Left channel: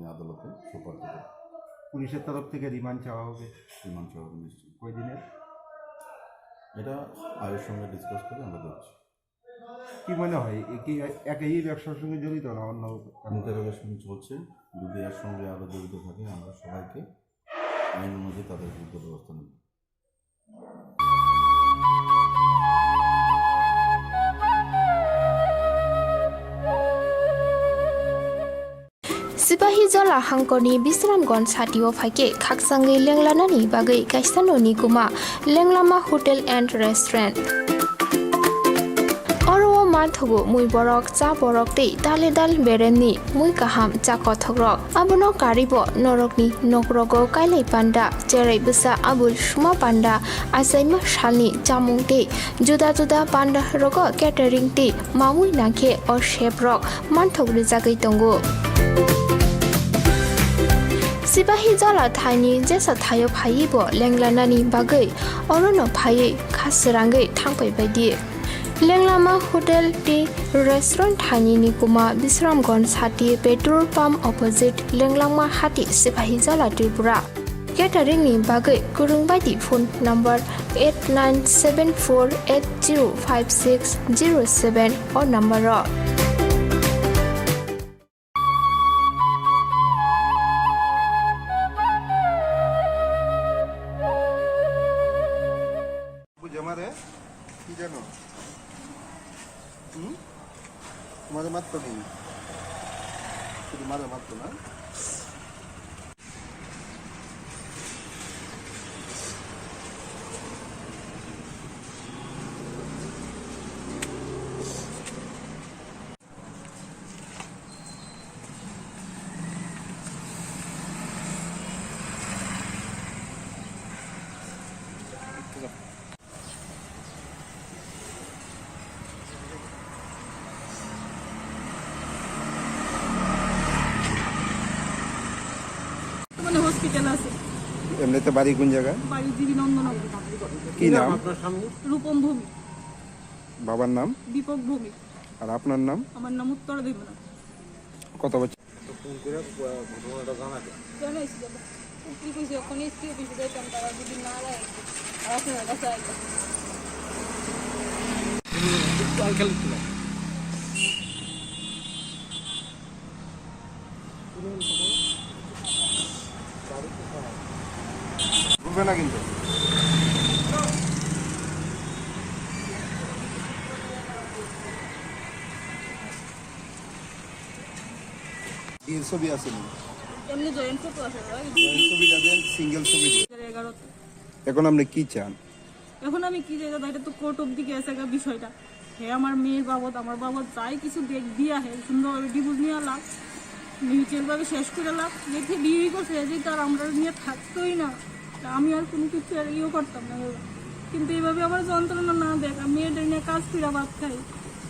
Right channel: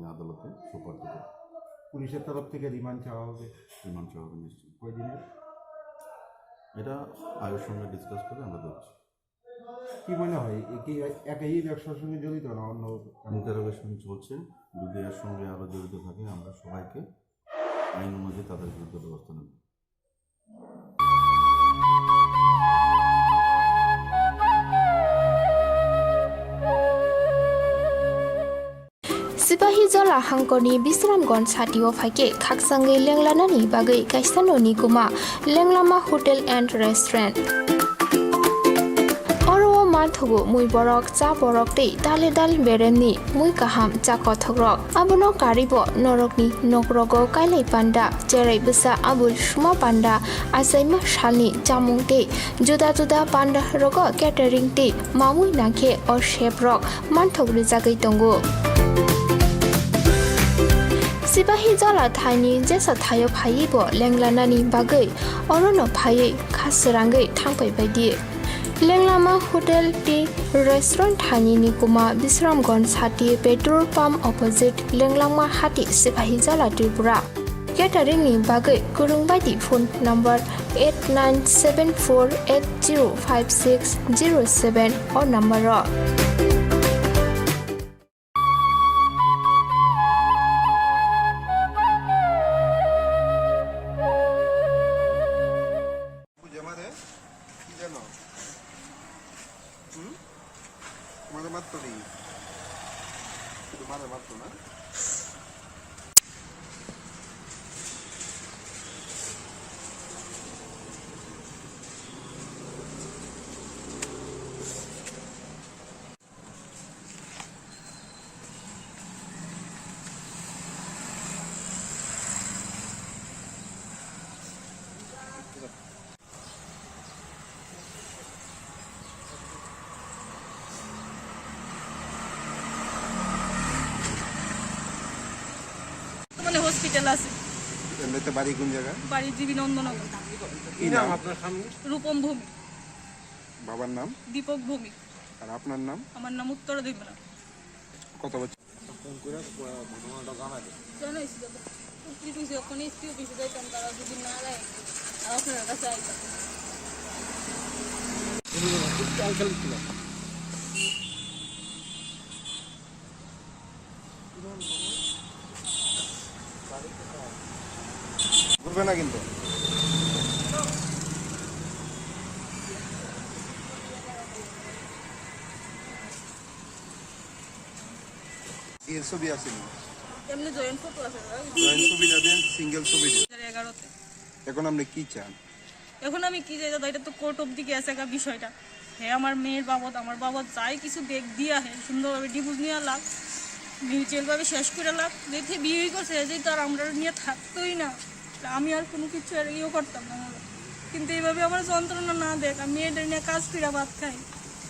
আদালতে সুপার দেবে। পুলিশের তরফ থেকে রিমান্ড চাওয়া হবে। রিমান্ড চাওয়া হবে নিশ্চয়ই। কই দিনের? এটা আয়ের সঙ্গে ডিসকাস করে আমরা দেখছি। কি মনে হয় কি একই ব্যবসার সঙ্গে জড়িত না অন্য? ইন্টারোগেশন চলছে, যদি এর সঙ্গে আরও জড়িত থাকে আমরা সবাইকে আইন অনুযায়ী তাদের বিরুদ্ধে ব্যবস্থা নেব। सिपाही जला हांकरनि बिश्रामगन साथियाव फाइके खाकसांगै लेंलानानि बागै काइसाननि गुमा लेंलामा होटेल एंड रेस्टुरेंट अरवा माथगु मुई बरक चा बरक तै दाले दाल बेरेमनि मुई काहाम चा कथग्रक आबनो कारिबो नरकनि नगरगो काइलै पान्डा जेरै बिसा आबुल सुमा पान्डा आसाइमा सालनि जामुं तै जुदा जुदा पान्डा रग केटारिं तै मामुई नाखे अ शेफरक मानथग्रि जागै दंगु सिपाही जला थाइनि जेसा थायो फाइबो लेंलानानि बागै अरनो फायै खासरांगै थांफै बायदि लेंलामा होटेल टी रेस्टुरेंट थाइनि निकुमा बिश्रामगन साथि पेट्रोल पाम्प अपोजिट लेंलामा हाति सिपाही जला त्रिपुरा केटारिं नि बागै गुरुं बायदि फोन नम्बर 8974805607 और नम्बर কি জানো তোমাদের মাত্র নেই, শুধু মাঝে মাত্র না। মানে হসপিটাল আছে। এমনিতে বাড়ি কোন জায়গায়? বাড়ি জীবী নন্দনগর। কি নাম? রূপম ভূমি। বাবার নাম? দীপক ভূমি। আর আপনার নাম? আমার নাম উত্তর দেবনা। কত বছর? বুঝবে না কিন্তু ছবি আছে না? এমনি জয়েন্ট ফটো আছে। ছবি যাবেন সিঙ্গেল ছবি। 2011-তে। এখন আপনি কি চান? এখন আমি কি চাই দাদা, এটা তো কোর্ট অব্দি গেছে বিষয়টা। হ্যাঁ, আমার মেয়ের বাবদ আমার বাবদ যাই কিছু দেখ দিয়া হে সুন্দরভাবে ডিভোর্স নিয়ে লাগ, মিউচুয়ালভাবে শেষ করে লাগ, দেখে বিয়ে করছে যে তো আর আমরা নিয়ে থাকতোই না, আমি আর কোনো কিছু আর ইয়েও করতাম না দাদা। কিন্তু এইভাবে আমার যন্ত্রণা না দেখ, আমি মেয়েদের নিয়ে কাজ ফিরা ভাত খাই,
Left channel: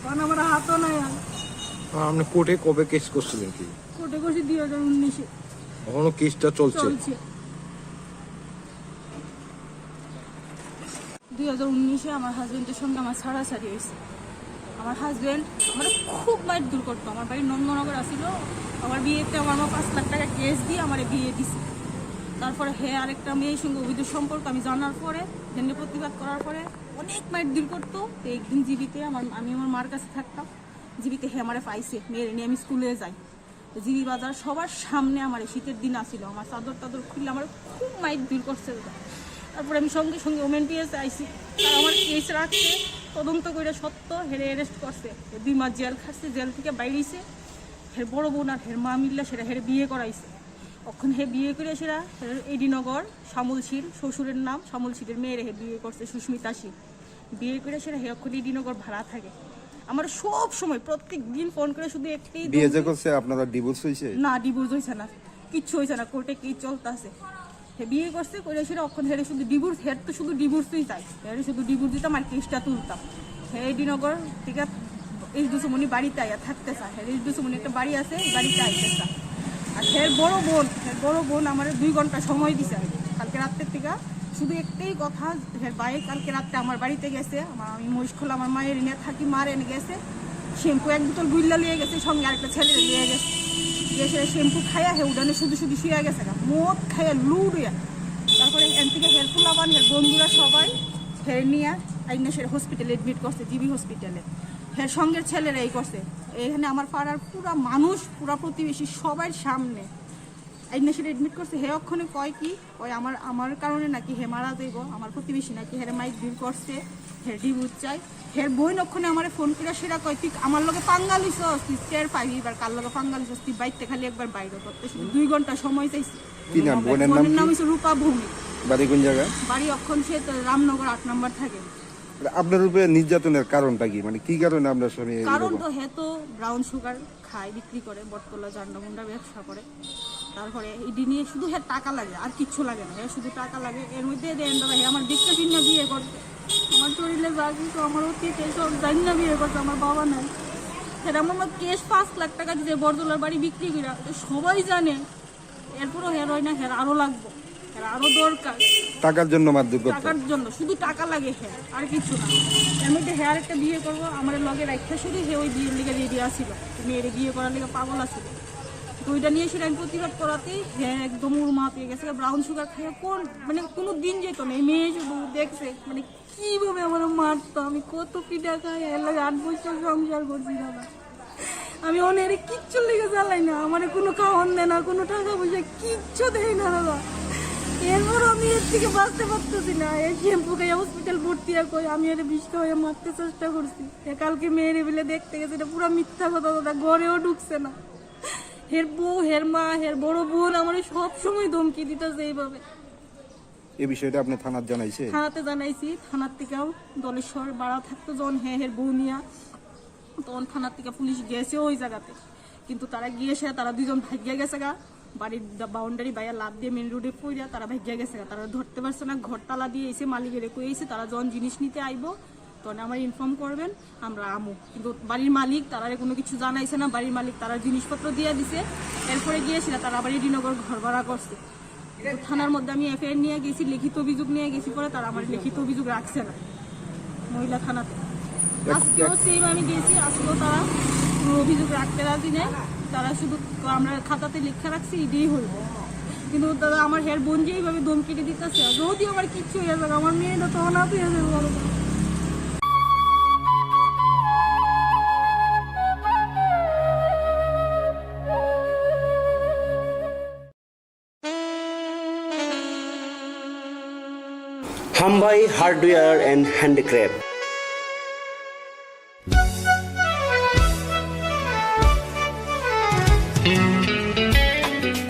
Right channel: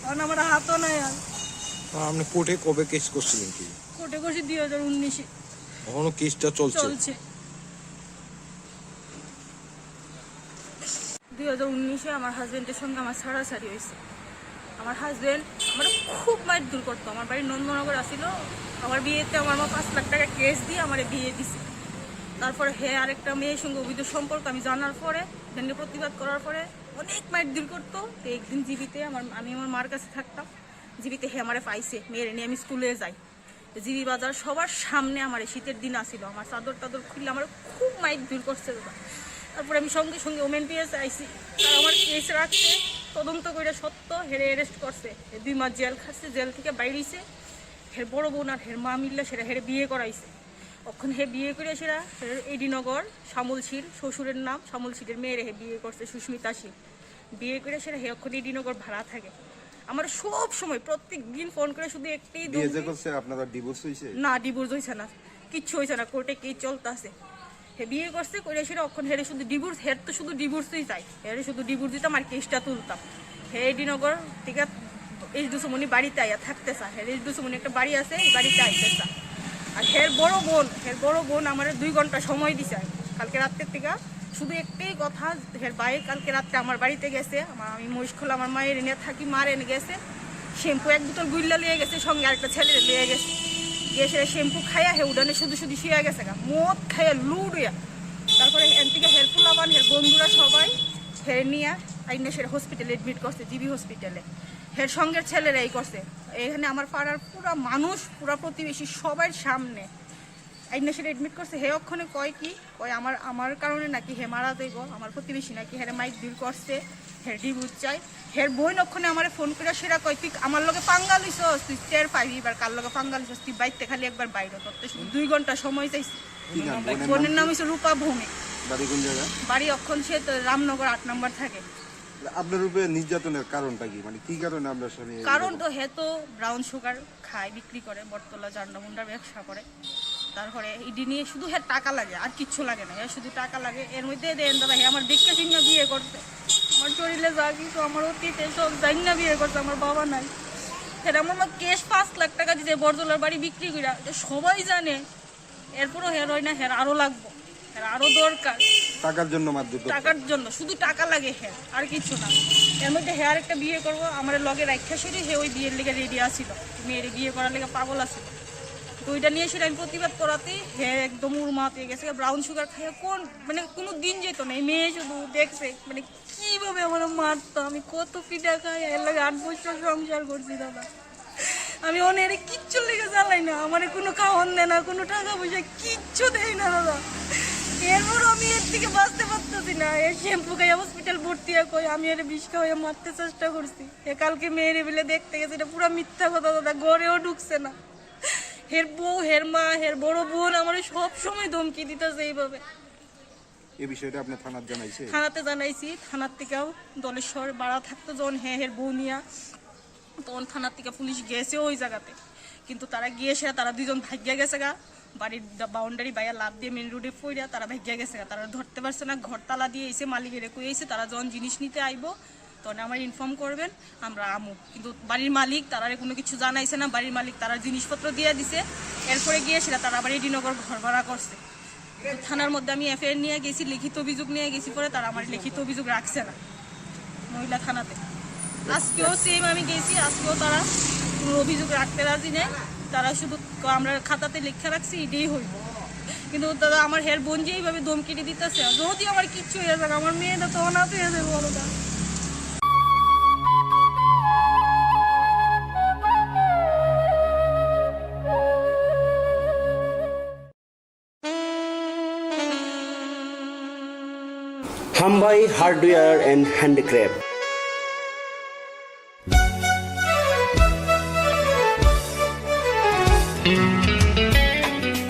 কারণ আমার হাতও নাই। আর আপনি কোর্টে কবে কেস করছিলেন? কি কোর্টে করছি 2019-এ। এখনো কেসটা চলছে? 2019-এ আমার হাজবেন্ডের সঙ্গে আমার ছাড়াছাড়ি হয়েছে। আমার হাজবেন্ড আমার খুব মাইর দূর করতো। আমার বাড়ি নন্দনগর আসিল, আমার বিয়েতে আমার মা 5 লাখ টাকা কেস দিয়ে আমার বিয়ে দিছে। তারপরে হ্যাঁ আরেকটা মেয়ের সঙ্গে অবৈধ সম্পর্ক আমি জানার পরে জেনে প্রতিবাদ করার পরে অনেক মাইর দূর করতো। তো একদিন জীবিতে আমি আমার মার কাছে থাকতাম, জীবিতে হ্যাঁ আমারে পাইছে, মেয়ের নিয়ে আমি স্কুলে যাই। জিবি বাজার সবার সামনে আমার শীতের দিন আসিল, আমার চাদর টাদর খুললে আমার খুব মাইর দূর করছে দাদা। তারপরে আমি সঙ্গে সঙ্গে ওমেন পিএসে আইসি, আর আমার কেস রাখছে, তদন্ত করে সত্য হেরে অ্যারেস্ট করছে, 2 মাস জেল খাচ্ছে, জেল থেকে বাইরেছে। হের বড় বোন আর হের মা মিললে সেটা হেরে বিয়ে করাইছে। তখন হে বিয়ে করে সেরা এডিনগর শ্যামল শীল, শ্বশুরের নাম শ্যামল শীলের মেয়ের হে বিয়ে করছে সুস্মিতা শীল। বিয়ে করে সেরা হে অক্ষণ এডিনগর ভাড়া থাকে। আমার সব সময় প্রত্যেক দিন ফোন করে শুধু একটাই বিয়ে যে করছে আপনাদের ডিভোর্স হইছে? না, ডিভোর্স হইছে না, কিচ্ছু হইছে না, কোর্টে কেস চলতেছে। হে বিয়ে করছে করে সেটা অক্ষণ হেরে শুধু ডিভোর্স, হের তো শুধু ডিভোর্সই চাই, হেরে শুধু ডিভোর্স দিতাম আর কেসটা তুলতাম। হে এডিনগর ঠিক আছে এইচ দুসুমনি বাড়িতে আইয়া থাকতে চায়, হের এইচ দুসুমনি একটা বাড়ি আছে, এই বাড়িতে আইতে চায়। আর হের বড় বোন আমার 2 ঘন্টা সময় দিছে কালকে রাত্রের থেকে। শুধু একটাই কথা, হের ভাই কালকে রাত্রে আমার বাড়িতে গেছে, আমি মহিষখোলা আমার মায়ের এনে থাকি, মার এনে গেছে, শ্যাম্পু 1 বোতল গুইল্লা লিয়ে গেছে, সঙ্গে আরেকটা ছেলে লিয়ে গেছে। গিয়ে সেটা শ্যাম্পু খাইয়া হে উডানে শুধু শুধু শুয়ে গেছে গা মদ খাইয়া লুড়িয়া তারপরে এন থেকে হের ফুলাবান হের বন্ধুরা সবাই হের নিয়ে আইনে সেটা হসপিটালে এডমিট করছে জিবি হসপিটালে হের সঙ্গের ছেলেরাই করছে এখানে আমার পাড়ার পুরা মানুষ পুরা প্রতিবেশী সবার সামনে আইনে সেটা এডমিট করছে হে অক্ষণে কয় আমার কারণে নাকি হে মারা যাইব আমার প্রতিবেশী নাকি হেরে মাইক বিল করছে হের ডিভোর্স চাই হের বই অক্ষণে আমার ফোন করে সেটা কয় তুই আমার লগে পাঙ্গা লইছস তুই টের পাইবি এবার কার লগে পাঙ্গা লইছস তুই বাইতে খালি একবার বাইরে করতে শুধু 2 ঘন্টা সময় চাইছি কি নাম বোনের নাম হচ্ছে রূপা ভৌমিক বাড়ি কোন জায়গা বাড়ি অক্ষণ সে রামনগর 8 নম্বর থাকে আপনার উপরে নির্যাতনের কারণটা কি মানে কি কারণে আপনার স্বামী কারণ তো হে তো ব্রাউন সুগার খায় বিক্রি করে বটতলা জান্ডামুন্ডার ব্যবসা করে তারপরে ইডি নিয়ে শুধু হে টাকা লাগে আর কিচ্ছু লাগে না হে শুধু টাকা লাগে এর মধ্যে দেন দাদা হে আমার দেখতে চিহ্ন বিয়ে করতে আমার শরীরে যা কিছু আমার অতীতে সব জানি না বিয়ে করতে আমার বাবা নাই সেটা আমার কেস 5 লাখ টাকা দিতে বরদলার বাড়ি বিক্রি করে সবাই জানে এরপরও হের হয় না হের আরো লাগবো হের আরো দরকার টাকার জন্য মারধর করতে টাকার জন্য শুধু টাকা লাগে হেয়ার আর কিছু না এর মধ্যে হেয়ার একটা বিয়ে করবো আমার লগে রাখা সেরে হে ওই বিয়ের লেগে রেডি আসছিল মেয়ের বিয়ে করার লেগে পাগল আসছিল তো ওইটা নিয়ে সেটা আমি প্রতিবাদ করাতেই হে একদম উড়মাতে গেছে ব্রাউন সুগার খাইয়া কোন মানে কোনো দিন যেত না এই মেয়ে শুধু দেখছে মানে কিভাবে আমার মারতো আমি কত পিঠা খাই এর লাগে 8 বছর সংসার করছি দাদা আমি অনেক কিচ্ছু লেগে জ্বালাই না আমার কোনো খাওয়ান দেয় না কোনো টাকা পয়সা কিচ্ছু দেয় না দাদা এরপর আমি এর থেকে বাঁচতে পারতেছি না এই শ্যাম্পু খাইয়া হসপিটাল ভর্তি কই আমি এর বিষ খাওয়াইয়া মারতে চেষ্টা করছি কালকে মেয়ের বেলে দেখতে গেছে এটা পুরো মিথ্যা কথা দাদা ঘরেও ঢুকছে না হের বউ হের মা হের বড় বোন আমার সব সময় ধমকি দিতেছে এইভাবে এই বিষয়টা আপনি থানার জানাইছে থানাতে জানাইছি থানার থেকেও দলেশ্বর বাড়া থাকতো যখন হের বউ নিয়া তখন থানার থেকে পুলিশ গেছে ওই জায়গাতে কিন্তু তারা গিয়েছে তারা 2 জন ভাগিয়া গেছে গা বাড়ির বাউন্ডারি বাইয়া লাভ দিয়ে মেন রোডে পড়িয়া তারা ভাগিয়া গেছে গা তারা ধরতে পারছে না ঘর তালা দিয়ে এসে মালিকের কইছে তারা যখন জিনিস নিতে আইব তখন আমার ইনফর্ম করবেন আমরা আমু কিন্তু বাড়ির মালিক তারা কোনো কিছু জানাইছে না বাড়ির মালিক তারা জিনিসপত্র দিয়ে দিছে এরপরে গিয়ে সেটা তারা আবার এডিনগর ঘর ভাড়া করছে তো থানার মধ্যে আমি এফআইআর নিয়ে গেছি লিখিত অভিযোগ নিয়ে গেছি পরে তারা আমার লিখিত অভিযোগ রাখছে না মহিলা থানাতে আজকেও সেম আমি গেছি আজকেও তারা কোনো অভিযোগ রাখতে রাজি নেই তারা শুধু আমরা খাতাতে লেখা রাখছি এটাই হইব কিন্তু দাদা আমার হের বোন যে এইভাবে ধমকিটি দিতেছে যদি আমার কিচ্ছু হয়ে যাক আমার মেয়েটা তো অনাথ হয়ে যাবে বড়টা হামবাই হার্ডওয়্যার অ্যান্ড হ্যান্ডিক্রাফট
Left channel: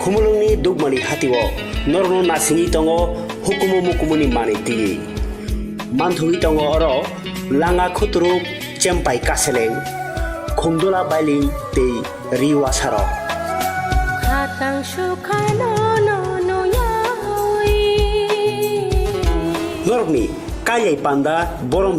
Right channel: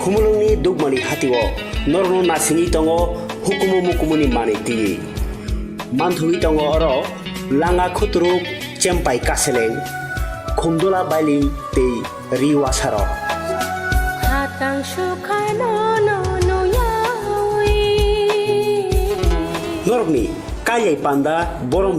খুমুলুংনি দুগমানি হাতিও নরনো নাসিনি দङ হুকুমু মুকুমুনি মানি tiyi manthuli dङ oro langa khutruk chempai kaseleng khumdula bailing tei riwasaro hatang sukhano no no yawi norokni kayai panda borong